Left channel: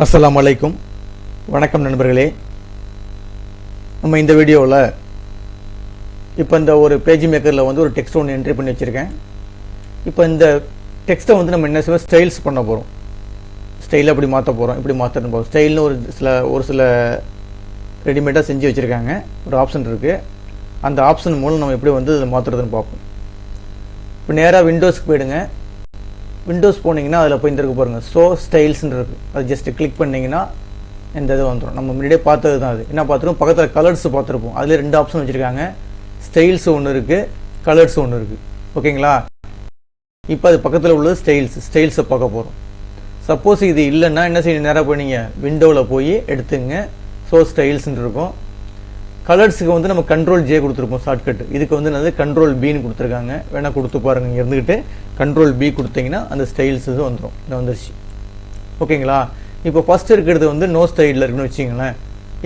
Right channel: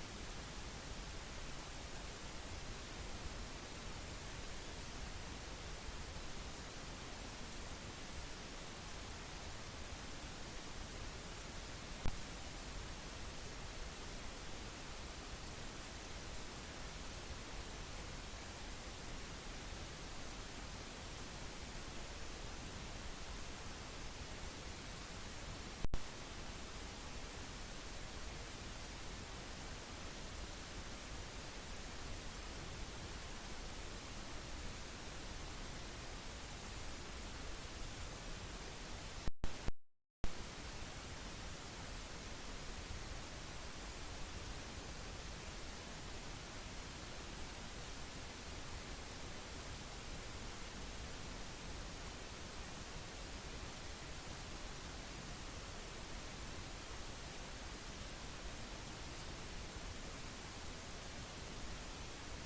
அஸ்ஸலாமு அலைக்கும். வணக்கம் நண்பர்களே. நம்ம இந்த வீடியோவில் இப்போ இந்த ஒரு பேஜ் மேக்கரில் வந்து ஒரு டெக்ஸ்ட் ஒன்று என்ட்ரி பண்ணி வச்சுருக்கேன். இப்போ இந்த டெக்ஸ்ட்டை வந்து நம்ம என்ன செய்வோம், ஸ்டைல்ஸ் பண்ண போகிறோம். ஸ்டைலை அப்படி மாற்ற போகிறோம், இப்படி மாற்றணும் போகிறோம். ஸ்டைல்னு ஒரு சில ரெடிமேடாக செஞ்சு வச்சுருக்காங்க. ஒரு ஆப்ஷன் இருக்குது. அந்த ஆப்ஷன் மூலம் நம்ம எப்படி வந்து இதை மாற்றுறதுன்னு பார்ப்போம். இப்போ நேராக விண்டோஸ்க்கு போயிடுங்க. விண்டோஸ் போனீங்கன்னா அதில் போய் இந்த இருக்கு பாருங்கள், ஷோ ஸ்டைல்ஸ்ன்னு இருக்குது. அது ஜஸ்ட்டு கிளிக் பண்ணிங்கன்னா இந்த இது வந்துடும். நம்ம முன்னாடியே பார்த்தது தான். அது என்ன பார்த்துருப்போம், பக்கத்தில் கலர்ஸ் பார்த்துருப்போம். அதில் 2 ஆப்ஷன் வச்சுருக்காங்க. ஸ்டைல்ஸ் ஒன்று இருக்குது, கலர்ஸ் ஒன்று இருக்குது. ஓகேங்களா? இப்போ அது பக்கத்தில் உள்ளது ஸ்டைல்ஸை பார்க்க போகிறோம். சப்போஸ் இது இல்லைன்னா என்ன செய்யணும், நேராக போய் நீங்கள் விண்டோவில் போய் எடுத்துங்க. ஷோ ஸ்டைல்ஸ்ன்னு இருக்கும். கலர்ஸுக்கு வந்து நம்ம கண்ட்ரோல் ஜே கொடுத்துருப்போம் ஷார்ட்கட். இதுக்கு வந்து என்னது கண்ட்ரோல் பின்னு கொடுத்துருக்காங்க. வேணால் கொடுத்து பாருங்கள். இங்கே இருந்துக்கிட்டு கண்ட்ரோல் பி கொடுத்தீங்கன்னா அந்த ஸ்டைல்ஸ் இது வந்துடும். இது வந்துருச்சு. ஓகேங்களா? இப்போ ஃபஸ்ட்டு இருக்கிறது வந்து நோ ஸ்டைலில் இருக்குன்னு வச்சிங்களேன்.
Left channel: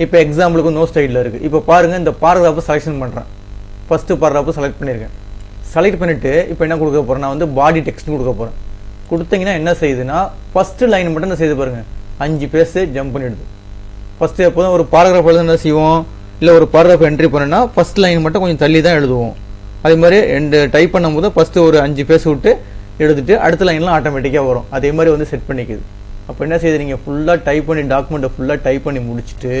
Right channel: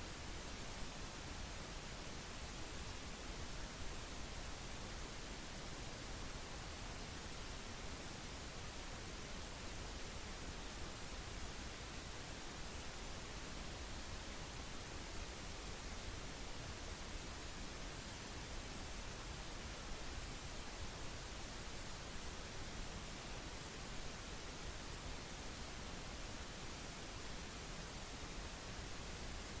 இப்போ எக்ஸாம்பிளுக்கு நோ ஸ்டைலில் இருக்குது. இப்போ பாருங்கள், இந்த பாராகிராஃபை செலெக்ஷன் பண்ணுறேன். ஃபஸ்ட்டு பாராகிராஃபை செலக்ட் பண்ணியிருக்கேன். செலக்ட் பண்ணிவிட்டு இப்போ என்ன கொடுக்க போகிறேன், நான் வந்து பாடி டெக்ஸ்ட்னு கொடுக்க போகிறேன். கொடுத்தீங்கன்னா என்ன செய்யுதுன்னா, ஃபஸ்ட்டு லைன் மட்டும் என்ன செய்து பாருங்கள், 5 பேஜ் ஜம்ப் பண்ணிவிடுது. ஃபஸ்ட்டு எப்போதும் ஒரு பாராகிராஃப் எழுத என்ன செய்வோம், இல்லை ஒரு பாராகிராஃப் என்ட்ரி பண்ணோன்னா ஃபஸ்ட் லைன் மட்டும் கொஞ்சம் தள்ளி தான் எழுதுவோம். அதே மாதிரி டைப் பண்ணும்போது ஃபஸ்ட்டு ஒரு 5 பேஜ் விட்டு எழுதிட்டு அடுத்த லைன்லாம் ஆட்டோமேட்டிக்காக வரும். அதே மாதிரி வந்து செட் பண்ணிக்குது. அப்போ என்ன செய்யுது, நீங்கள் ஃபுல்லாக டைப் பண்ணி டாக்குமெண்ட்டை ஃபுல்லாக டைப் பண்ணி முடிச்சுட்டு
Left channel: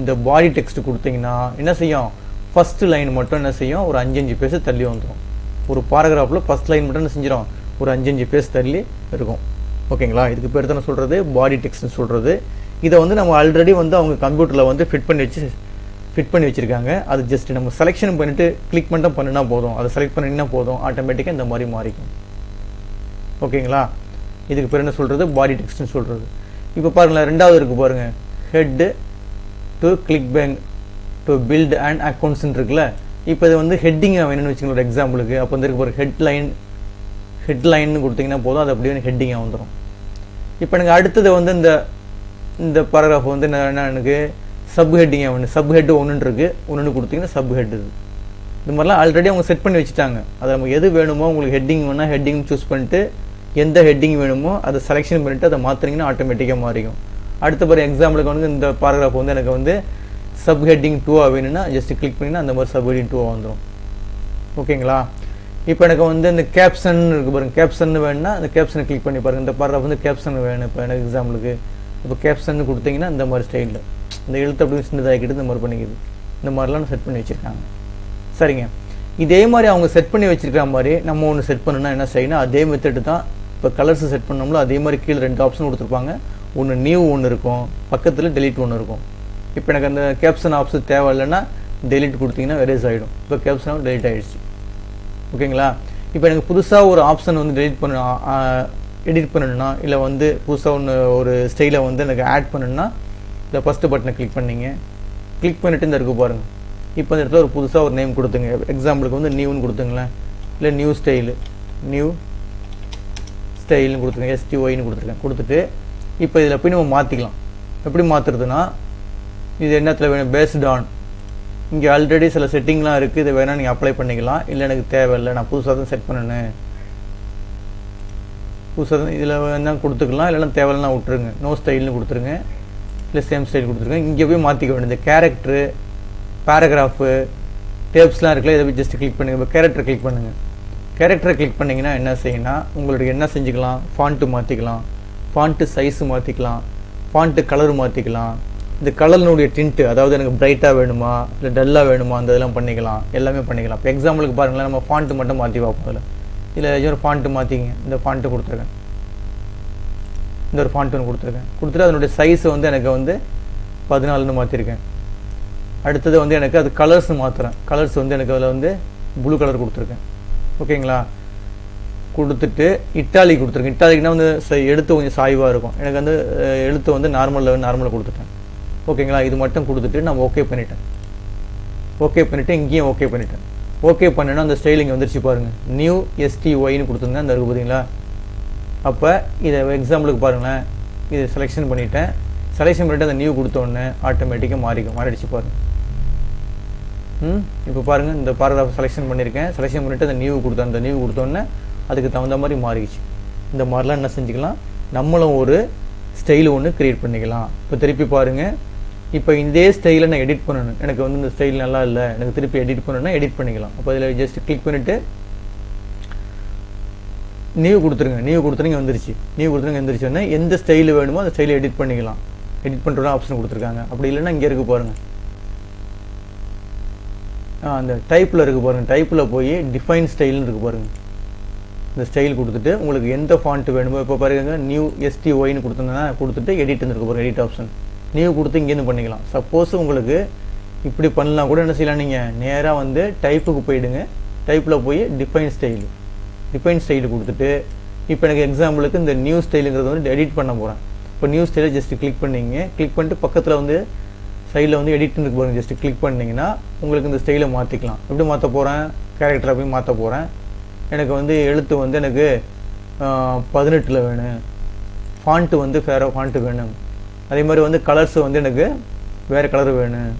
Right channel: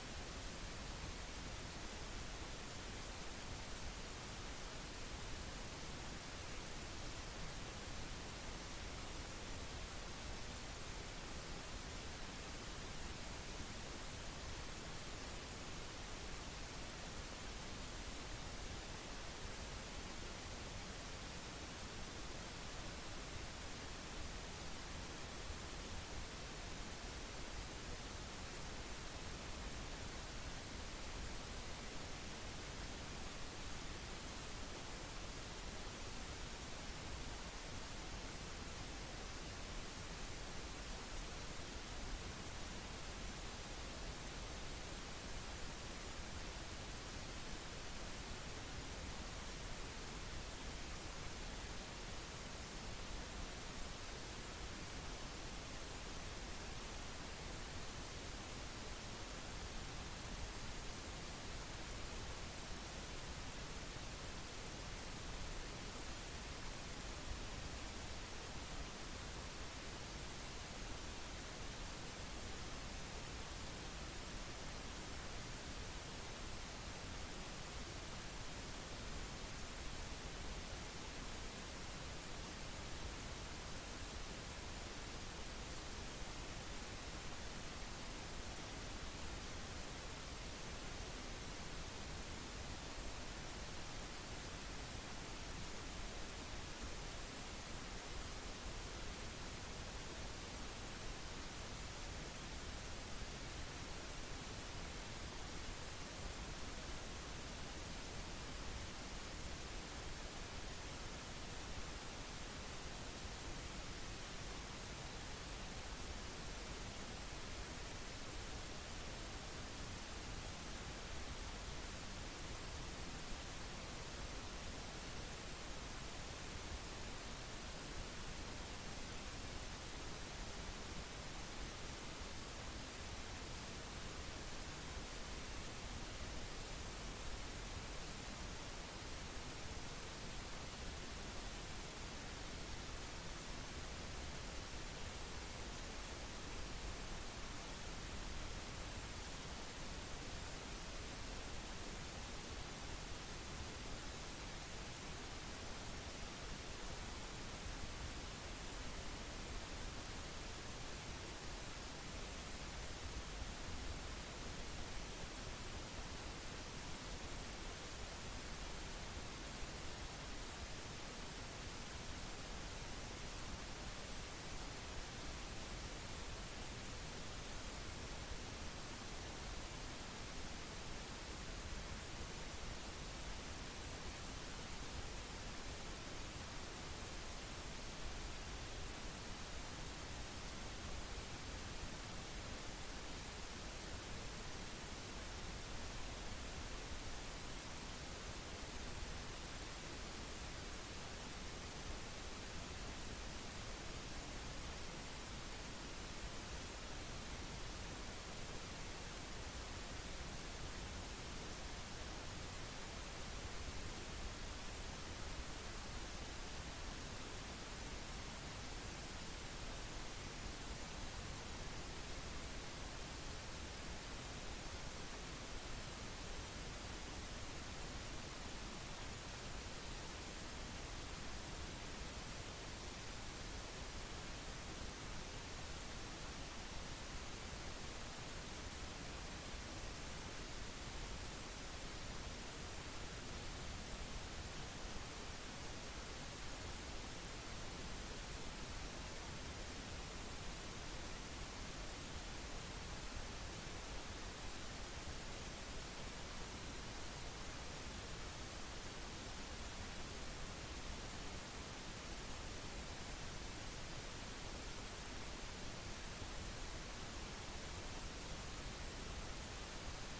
இந்த பாடி டெக்ஸ்ட் கொடுத்தீங்கன்னா என்ன செய்யும், ஃபஸ்ட்டு லைன் மட்டும் என்ன செய்யும், ஒரு 5 பேஜ் தள்ளி வந்துடும். ஒரு பாராகிராஃபில் ஃபஸ்ட் லைன் மட்டும் என்ன செஞ்சிடும், ஒரு 5 பேஜ் தள்ளி இருக்கும். ஓகேங்களா? இதுக்கு பேர் தானே சொல்கிறது பாடி டெக்ஸ்ட்னு சொல்கிறது. இதை வந்து நம்ம ஆல்ரெடி வந்து அவங்க கம்ப்யூட்டரில் வந்து ஃபிட் பண்ணி வச்சுருக்காங்க. அது ஜஸ்ட் நம்ம செலெக்ஷன் பண்ணிவிட்டு கிளிக் மட்டும் பண்ணினா போதும். அதை செலக்ட் பண்ணிங்கன்னா போதும், ஆட்டோமேட்டிக்காக இந்த மாதிரி மாறிக்கும். ஓகேங்களா? இதுக்கு பேர் என்ன சொல்கிறது, பாடி டெக்ஸ்ட்னு சொல்கிறது. இப்போ பாருங்களேன், 2வது இருக்குது பாருங்கள், head to click bank to build and அக்கௌண்ட்ஸ்ன்னு இருக்குல்ல. இப்போ இது வந்து ஹெட்டிங்காக வேணும்னு வச்சுக்கோங்க ஒரு எக்ஸாம்பிளுக்கு. அப்போ வந்து இருக்கு பாருங்கள், ஹெட்லைன்னு கொடுத்தீங்கன்னா போதும், அது அப்படியே ஹெட்டிங்காக வந்துடும். இப்போ எனக்கு அடுத்தது வந்து இந்த பாராகிராஃப் வந்து என்ன எனக்கு சப் ஹெட்டிங்காக வேணும். சப் ஹெட்டு ஒன்று இருக்குது, ஒன்று கொடுத்தீங்கன்னா சப் ஹெட். இது மாதிரிலாம் ஆல்ரெடி அவங்க செட் பண்ணி வச்சுட்டாங்க. அதை நம்ம எது வேணுமோ, உங்களுக்கு ஹெட்டிங் வேணால் ஹெட்டிங் சூஸ் பண்ணிட்டு எந்த ஹெட்டிங் வேணுமோ அதை செலெக்ஷன் பண்ணிவிட்டு அதை மாற்றினீங்கன்னா ஆட்டோமேட்டிக்காக மாறிக்கும். அடுத்த பாரு எக்ஸாம்பிளுக்கு வந்து இந்த பாராகிராஃப் வந்து எனக்கு வந்து சப் ஹெட்டிங் 2 வேணும்னா ஜஸ்ட் கிளிக் பண்ணிங்கன்னா அந்த மாதிரி சப் ஹெட்டிங் 2 வந்துடும். ஓகேங்களா? இப்போ எனக்கு வந்து இந்த கேப்ஷன் இருக்குது பாருங்கள், கேப்ஷன் வேணும்னா அந்த கேப்ஷனை கிளிக் பண்ணி பாருங்கள். இந்த பாராகிராஃப் வந்து கேப்ஷன் வேணும். இப்போ எனக்கு எக்ஸாம்பிளுக்கு இப்போ கேப்ஷன் கொடுத்தீங்கன்னா இந்த மாதிரி ஸ்டைலில் இந்த எழுத்து அப்படி சின்னதாகிக்கிட்டு இந்த மாதிரி பண்ணிக்குது. இந்த மாதிரிலாம் செட் பண்ணி வச்சுருக்காங்க. சரிங்க. இதே மாதிரி அவங்க செட் பண்ணி வச்சுருக்கிற மாதிரி நம்ம ஒன்று செட் பண்ணணும்னா என்ன செய்யணும், அதே மெத்தட் தான். இப்போ கலர்ஸ் செட் பண்ணோம்ல, அதே மாதிரி கீழே 2 ஆப்ஷன் கொடுத்துருப்பாங்க. ஒன்று நியூ ஒன்று இருக்கும், பக்கத்தில் டெலிட் ஒன்று இருக்கும். இப்போ எனக்கு அந்த கேப்ஷன் ஆப்ஷன் தேவை இல்லைன்னா டெலிட் கொடுத்தீங்கன்னா எரேஸ் ஆகிடும். இப்போ கேப்ஷன் டெலிட் ஆகிடுச்சு. ஓகேங்களா? இப்போ எனக்கு புதுசாக ஒரு ஆப்ஷன் வந்து எடிட் பண்ணணும்னா, இல்லை வந்து புதுசாக ஒரு ஸ்டைலை வந்து எனக்கு ஆட் பண்ணணும்னா இந்த ஃபஸ்ட்டு பட்டனை கிளிக் பண்ணிங்க. கிளிக் பண்ணிவிட்டு இந்த இருக்கு பாருங்கள். இப்போ இந்த இடத்துல ஒரு புதுசாக ஒரு நேம் கொடுத்துங்க. எக்ஸாம்பிளுக்கு வந்து நியூன்னு கொடுத்துங்களேன், இல்லை நியூ ஸ்டைல்னு கொடுத்துருங்க, STYன்னு கொடுத்துருக்கேன். கொடுத்துட்டு இப்போ இதில் போய் நம்ம மாற்றிக்கலாம். எப்படி மாற்றுறதுன்னா, இது என்னத்தில் வேணும், பேஸ்ட் ஆன் இங்கே ஆல்ரெடி சில செட்டிங்லாம் இருக்குது. இதை வேணால் நீங்கள் அப்ளை பண்ணிக்கலாம். இல்லை எனக்கு தேவையில்லை, நான் புதுசாக தான் செட் பண்ணணும், புதுசாக தான் இதில் வேணால் கொடுத்துக்கலாம். இல்லைன்னா தேவையில்லைனா விட்டுருங்க, நோ ஸ்டைல்னு கொடுத்துருங்க, இல்லை சேம் ஸ்டைல் கொடுத்துருங்க. இங்கே போய் மாற்றிக்க வேண்டியது கேரக்டரு, பேராகிராஃபு, டேப்ஸ்லாம் இருக்குல்ல, இதை போய் ஜஸ்ட் கிளிக் பண்ணுங்கள். இப்போ கேரக்டரை கிளிக் பண்ணுங்கள். கேரக்டரை கிளிக் பண்ணிங்கன்னா என்ன செய்யணும்னா, உங்களுக்கு என்ன செஞ்சுக்கலாம், ஃபாண்ட்டு மாற்றிக்கலாம், ஃபாண்ட்டு சைஸு மாற்றிக்கலாம், ஃபாண்ட்டு கலர் மாற்றிக்கலாம். இந்த கலர்னுடைய டிண்ட்டு, அதாவது எனக்கு பிரைட்டாக வேணுமா இல்லை டல்லாக வேணுமா, அந்த இதெல்லாம் பண்ணிக்கலாம், எல்லாமே பண்ணிக்கலாம். இப்போ எக்ஸாம்பிளுக்கு பாருங்களேன், நம்ம ஃபாண்ட்டு மட்டும் மாற்றி பார்ப்போம். இல்லை ஒரு ஃபாண்ட்டு மாற்றிங்க. இந்த ஃபாண்ட்டு கொடுத்துருக்கேன், இந்த ஒரு ஃபாண்ட் ஒன்று கொடுத்துட்டு அதனுடைய சைஸை வந்து எனக்கு வந்து 14ன்னு மாற்றிருக்கேன். அடுத்தது வந்து எனக்கு அது கலர்ஸ் மாற்றுறேன். கலர்ஸ் வந்து எனக்கு அதில் வந்து ப்ளூ கலர் கொடுத்துருக்கேன். ஓகேங்களா? கொடுத்துட்டு இட்டாலி கொடுத்துருக்கேன். இட்டாலிக்குனா வந்து எழுத்து கொஞ்சம் சாய்வாக இருக்கும். எனக்கு வந்து எழுத்து வந்து நார்மலில் கொடுத்துட்டேன். ஓகேங்களா? இது மட்டும் கொடுத்துட்டு நான் ஓகே பண்ணிவிட்டு இங்கேயும் ஓகே பண்ணிட்டேன். ஓகே பண்ணேன்னா அந்த ஸ்டைலிங் வந்துருச்சு பாருங்கள், நியூ STYன்னு கொடுத்துருங்க. அந்த இருக்குது பார்த்தீங்களா? அப்போ இதை எக்ஸாம்பிளுக்கு பாருங்களேன், இதை செலெக்ஷன் பண்ணிவிட்டேன். செலெக்ஷன் பண்ணிவிட்டு அந்த நியூ கொடுத்தோடனே ஆட்டோமேட்டிக்காக மாறிடுச்சு பாருங்கள். இப்போ பாருங்கள், இந்த பாராகிராஃப் செலெக்ஷன் பண்ணியிருக்கேன். செலெக்ஷன் பண்ணிவிட்டு அந்த நியூ கொடுத்தோன்னே அதுக்கு தகுந்த மாதிரி மாறிடுச்சு. இந்த மாதிரிலாம் என்ன செஞ்சுக்கலாம், நம்மளும் ஒரு ஸ்டைல் ஒன்று க்ரியேட் பண்ணிக்கலாம். இப்போ திருப்பி பாருங்கள், இப்போ இதே ஸ்டைலை நான் எடிட் பண்ணணும். எனக்கு வந்து இந்த ஸ்டைல் நல்லா இல்லை, எனக்கு திருப்பி எடிட் பண்ணணும்னா எடிட் பண்ணிக்கலாம். அப்போ இதில் ஜஸ்ட் கிளிக் பண்ணிவிட்டு நியூ கொடுத்துருங்க. நியூ கொடுத்துருங்க வந்துருச்சு. நியூ கொடுத்துருங்க வந்துருச்சுன்னா எந்த ஸ்டைல் வேணுமோ அந்த ஸ்டைலை எடிட் பண்ணிக்கலாம். எடிட் பண்ணுறோட ஆப்ஷன் கொடுத்துருக்காங்க. அப்படி இல்லைன்னா இங்கே இருக்குது பாருங்கள், அந்த டைப்பில் இருக்குது பாருங்கள். டைப்பில் போய் டிஃபைன் ஸ்டைல்னு இருக்குது பாருங்கள். இந்த ஸ்டைல் கொடுத்துட்டு உங்களுக்கு எந்த ஃபாண்ட் வேணுமோ, இப்போ பாருங்க நியூ STYன்னு கொடுத்துருந்தேன்னா கொடுத்துட்டு எடிட் இருக்கு பாருங்கள், எடிட் ஆப்ஷன். நியூ கொடுத்து இங்கேருந்து பண்ணிக்கலாம். சப்போஸ் உங்களுக்கு இப்படி பண்ணலாம் கூட என்ன செய்யலாம், நீங்கள் நேராக வந்து டைப்புக்கு போயிடுங்க. டைப்பில் போய் டிஃபைன் ஸ்டைல் கொடுத்துட்டு இப்போ எனக்கு எக்ஸாம்பிளுக்கு இந்த நியூ ஸ்டைலுங்கிறது வந்து எடிட் பண்ண போகிறேன். இப்போ நியூ ஸ்டைலை ஜஸ்ட் கிளிக் பண்ணிங்க. கிளிக் பண்ணிட்டு பக்கத்தில் வந்து சைடில் வந்து எடிட்னு இருக்கு பாருங்க, ஜஸ்ட் கிளிக் பண்ணிங்கன்னா உங்களுக்கு இந்த ஸ்டைலை மாற்றிக்கலாம். எப்படி மாற்ற போகிறேன், கேரக்டரை போய் மாற்ற போகிறேன். எனக்கு வந்து எழுத்து வந்து எனக்கு 18 வேணும், ஃபாண்ட்டு வந்து வேறு ஃபாண்ட்டு வேணும். அதே மாதிரி வந்து கலர்ஸ் வந்து எனக்கு வேறு கலர் வேணும்.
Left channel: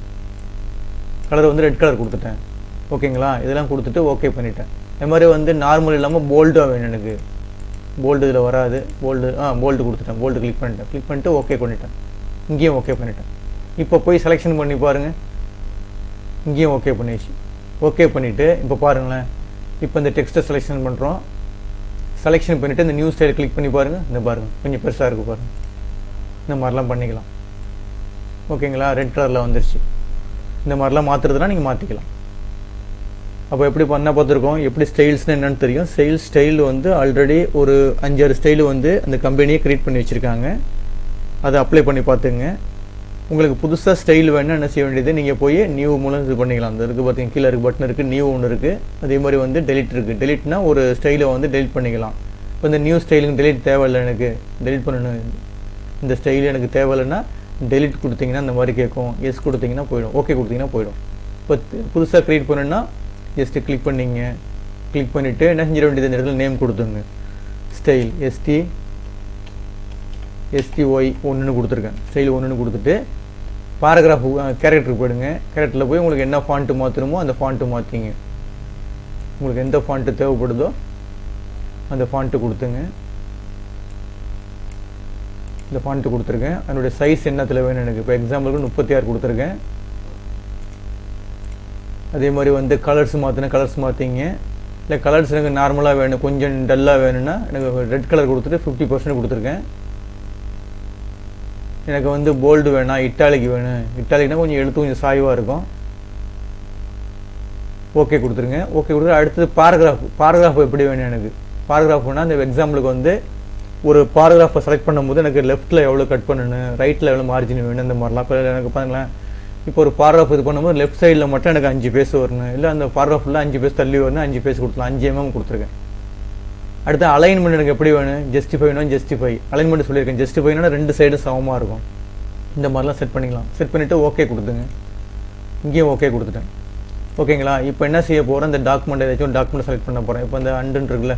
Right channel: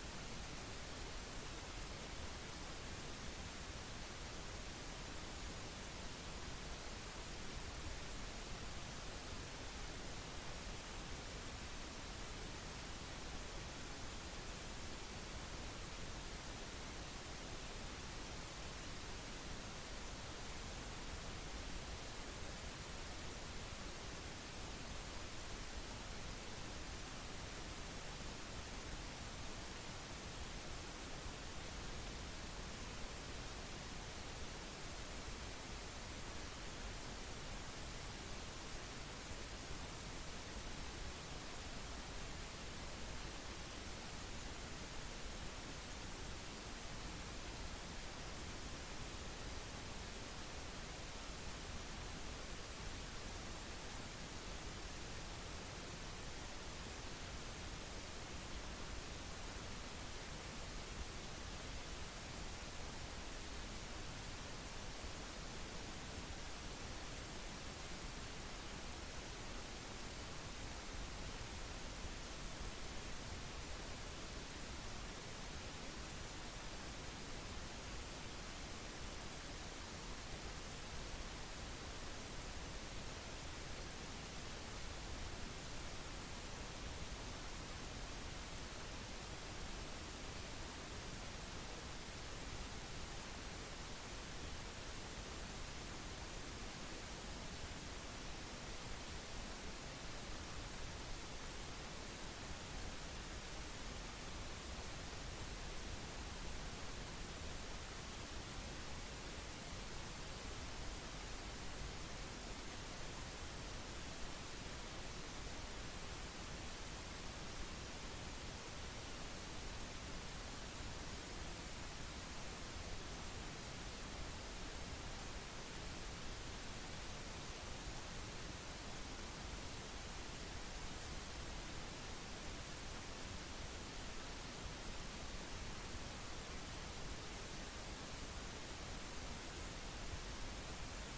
கலர் வந்து ரெட் கலர் கொடுத்துட்டேன். ஓகேங்களா, இதெல்லாம் கொடுத்துட்டு ஓகே பண்ணிட்டேன். அதே மாதிரி வந்து நார்மல் இல்லாமல் போல்டாக வேணும் எனக்கு. போல்டு இதில் வராது. போல்டு கொடுத்துட்டேன். போல்டு கிளிக் பண்ணிட்டு ஓகே பண்ணிட்டேன். இங்கேயும் ஓகே பண்ணிட்டேன். இப்போ போய் செலெக்ஷன் பண்ணி பாருங்கள், இங்கேயும் ஓகே பண்ணிடுச்சு. ஓகே பண்ணிவிட்டு இப்போ பாருங்களேன், இப்போ இந்த டெக்ஸ்ட்டை செலெக்ஷன் பண்ணுறோம். செலெக்ஷன் பண்ணிவிட்டு இந்த நியூ ஸ்டைல் கிளிக் பண்ணி பாருங்கள். இந்த பாருங்கள் கொஞ்சம் பெருசாக இருக்குது பாருங்கள். இந்த மாதிரிலாம் பண்ணிக்கலாம். ஓகேங்களா, ரெட் கலரில் வந்துருச்சு. இந்த மாதிரிலாம் மாற்றுறதுலாம் நீங்கள் மாற்றிக்கலாம். அப்போ எப்படி பண்ணால் பார்த்துருக்கோம், எப்படி ஸ்டைல்ஸ்னு என்னென்னு தெரியும். ஸ்டைல் வந்து ஆல்ரெடி ஒரு 5-6 ஸ்டைலு வந்து அந்த கம்பெனியே க்ரியேட் பண்ணி வச்சுருக்காங்க. அதை அப்ளை பண்ணி பார்த்துங்க. உங்களுக்கு புதுசாக ஸ்டைல் வேணும்னா என்ன செய்ய வேண்டியது, நீங்கள் போய் நியூ மூலம் இது பண்ணிக்கலாம். அந்த இருக்குது பார்த்தீங்க, கீழே இருக்குது பட்டன் இருக்குது, நியூ ஒன்று இருக்குது. அதே மாதிரி வந்து டெலிட் இருக்குது. டெலிட்னா ஒரு ஸ்டைலை வந்து டெலிட் பண்ணிக்கலாம். இப்போ இந்த நியூ ஸ்டைலுக்கு டெலிட் தேவையில்லை, எனக்கு டெலிட் பண்ணணும். இந்த ஸ்டைல் எனக்கு தேவையில்லைன்னா டெலிட் கொடுத்தீங்கன்னா இந்த மாதிரி கேட்கும். எஸ் கொடுத்தீங்கன்னா போயிடும், ஓகே கொடுத்தீங்கன்னா போயிடும். இப்போ புதுசாக க்ரியேட் பண்ணணுன்னா ஜஸ்ட்டு கிளிக் பண்ணிங்க. கிளிக் பண்ணிவிட்டு என்ன செஞ்சிட வேண்டியது, இந்த இடத்துல நேம் கொடுத்துங்க. ஸ்டைல் STY 1ன்னு கொடுத்துருக்கேன். ஸ்டைல் 1ன்னு கொடுத்துட்டு பாராகிராஃப் கேரக்டருக்கு போயிடுங்க. கேரக்டரில் போய் உங்களுக்கு என்ன ஃபாண்ட்டு மாற்றணுமோ அந்த ஃபாண்ட்டு மாற்றிங்க. உங்களுக்கு எந்த ஃபாண்ட்டு தேவைப்படுதோ அந்த ஃபாண்ட்டு கொடுத்துங்க. இந்த ஃபாண்ட்டு கொடுத்துருக்கேன். அதனுடைய சைஸ் என்னத்தில் வேணும் எனக்கு. இப்போ எக்ஸாம்பிளுக்கு 36 கொடுத்துருக்கேன். அதே மாதிரி வந்து கலர்ஸ் மாற்றினா கலர்ஸ் மாற்றிங்க. இல்லை கலர்ஸ் எனக்கு நார்மலாக வேணும், கொஞ்சம் டல்லாக வேணும்னா எனக்கு ரெட் கலர் கொடுத்துட்டு 50% கொடுத்துருக்கேன். எனக்கு வந்து போல்டு வேணாம், இட்டாலிக் வேணும். இட்டாலிக்னா கொஞ்சம் எழுத்து கொஞ்சம் சாய்வாக இருக்கும். ஓகே கொடுத்துருங்க. ஓகே கொடுத்துட்டு அடுத்தது பாராகிராஃப் எப்படி வேணும் எனக்கு. பாராகிராஃப்னா அந்த எக்ஸாம்பிளுக்கு வந்து ஒரு பாராகிராஃபை செலக்ட் பண்ணும்போது எனக்கு லெஃப்ட்டில் எவ்வளோ கட் பண்ணணும், ரைட்டில் எவ்வளோ மார்ஜின் வேணும், இந்த மாதிரிலாம். இப்போ எனக்கு பாருங்களேன், இப்போ ஒரு பாராகிராஃப் இது பண்ணும்போது லெஃப்ட் சைடில் மட்டும் எனக்கு 5 பேஜ் வரணும். இல்லை அந்த பாராகிராஃபில் 5 பேஜ் தள்ளி வரணும், 5 பேஜ் கொடுக்கலாம். 5 mm கொடுத்துருக்கேன். அடுத்து அலைன்மெண்ட் எனக்கு எப்படி வேணும், ஜஸ்டிஃபை அலைன்மெண்ட் சொல்லியிருக்கேன். ஜஸ்டிஃபைனா 2 சைடும் சமமாக இருக்கும். இந்த மாதிரிலாம் செட் பண்ணிக்கலாம். செட் பண்ணிவிட்டு ஓகே கொடுத்துங்க. இங்கேயும் ஓகே கொடுத்துட்டேன். ஓகேங்களா, இப்போ என்ன செய்ய போகிறேன், இந்த டாக்குமெண்ட் ஏதாச்சும் டாக்குமெண்ட் செலக்ட் பண்ண போகிறேன். இப்போ இந்த அண்டுன்னு இருக்குல்ல,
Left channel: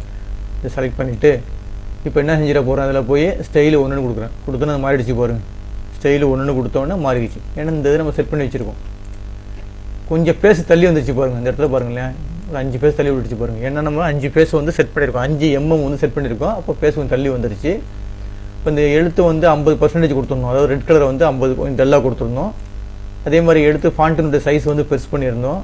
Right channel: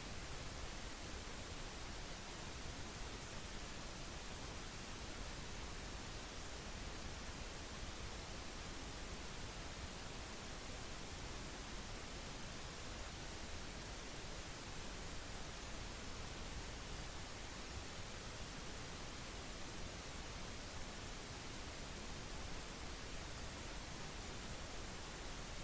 இதை செலக்ட் பண்ணிவிட்டு இப்போ என்ன செஞ்சிட போகிறேன், அதில் போய் ஸ்டைல் 1ன்னு கொடுக்குறேன். கொடுத்தோன்னு அது மாறிடுச்சு பாருங்கள். ஸ்டைல் 1ன்னு கொடுத்தோன்னே மாறிடுச்சு. ஏன்னா இந்த இதை நம்ம செட் பண்ணி வச்சுருக்கோம். கொஞ்சம் பேஸ் தள்ளி வந்துச்சு பாருங்கள். அந்த இடத்துல பாருங்களேன், ஒரு 5 பேஸ் தள்ளி விட்டுச்சு பாருங்கள். ஏன்னா நம்ம 5 பேஸ் வந்து செட் பண்ணியிருக்கோம், 5 mm வந்து செட் பண்ணியிருக்கோம். அப்போ பேஸ் கொஞ்சம் தள்ளி வந்துருச்சு. இப்போ இந்த எழுத்து வந்து 50% கொடுத்துருந்தோம். அதாவது ரெட் கலரை வந்து 50 கொஞ்சம் டல்லாக கொடுத்துருந்தோம். அதே மாதிரி எடுத்து ஃபாண்ட்டினுடைய சைஸ் வந்து பெருசு பண்ணியிருந்தோம்.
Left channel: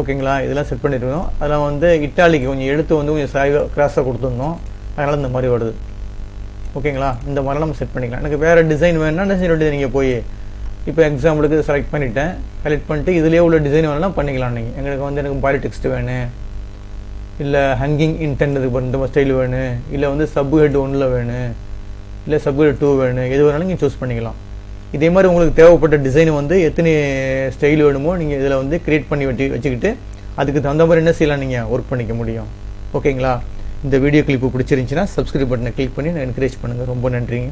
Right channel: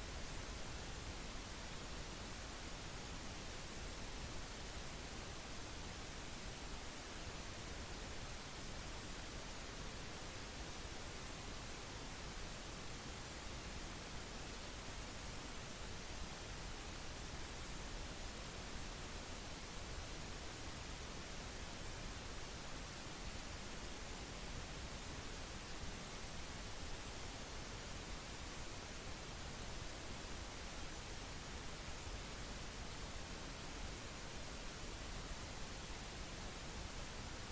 ஓகேங்களா, இதெல்லாம் செட் பண்ணியிருக்கோம். அதெல்லாம் வந்து இட்டாலிக்கு கொஞ்சம் எழுத்து வந்து கொஞ்சம் சாய்வாக கிராஸாக கொடுத்துருந்தோம். அதனால் இந்த மாதிரி வருது. ஓகேங்களா, இந்த மாதிரிலாம் நம்ம செட் பண்ணிக்கலாம். எனக்கு வேறு டிசைன் வேணும்னா டிசைன் வேண்டியது நீங்கள் போய் இப்போ எக்ஸாம்பிளுக்கு செலக்ட் பண்ணிவிட்டேன். செலக்ட் பண்ணிட்டு இதிலே உள்ள டிசைன் வேணும்னா பண்ணிக்கலாம். நீங்கள் எங்களுக்கு வந்து எனக்கு பாடி டெக்ஸ்ட் வேணும், இல்லை ஹங்கிங் இன்டென்ட் இந்த ஸ்டைல் வேணும், இல்லை வந்து சப் ஹெட் 1ல் வேணும், இல்லை சப் ஹெட் 2 வேணும், எது வேணாலும் நீங்கள் சூஸ் பண்ணிக்கலாம். இதே மாதிரி உங்களுக்கு தேவைப்பட்ட டிசைன் வந்து எத்தனை ஸ்டைல் வேணுமோ நீங்கள் இதில் வந்து க்ரியேட் பண்ணி வச்சுக்கிட்டு அதுக்கு தகுந்த மாதிரி என்ன செய்யலாம், நீங்கள் ஒர்க் பண்ணிக்க முடியும். ஓகேங்களா, இந்த வீடியோ கிளிப்பு பிடிச்சிருந்துச்சின்னா சப்ஸ்கிரைப் பட்டனை கிளிக் பண்ணி என்கரேஜ் பண்ணுங்கள். ரொம்ப நன்றிங்க.